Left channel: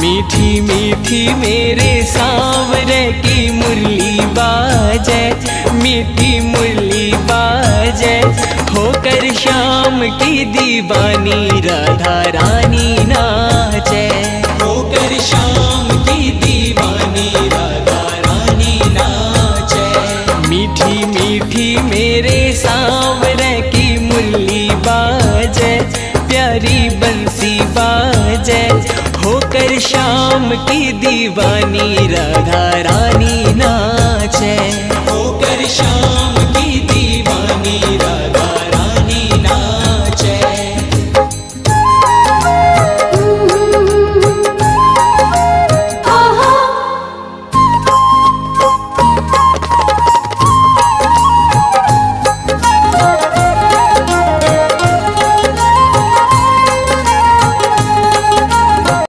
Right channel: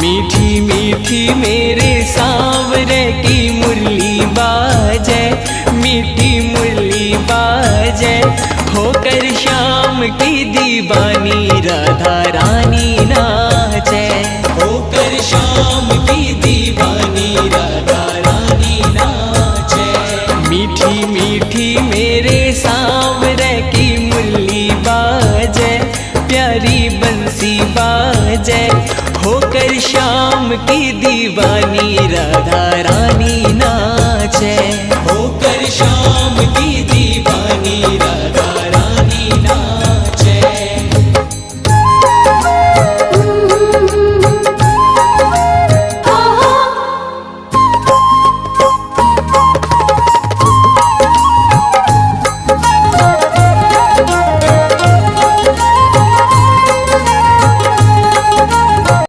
मीठी मीठी मेरे सांवरे की मुरली बाजे, मीठी मुरली बाजे, होकर श्याम की दीवानी राधा रानी नाचे, होकर श्याम की दीवानी राधा रानी नाचे। मीठी मीठी मेरे सांवरे की मुरली बाजे, प्यारी बंसी बाजे, होकर श्याम की दीवानी राधा रानी नाचे, होकर श्याम की दीवानी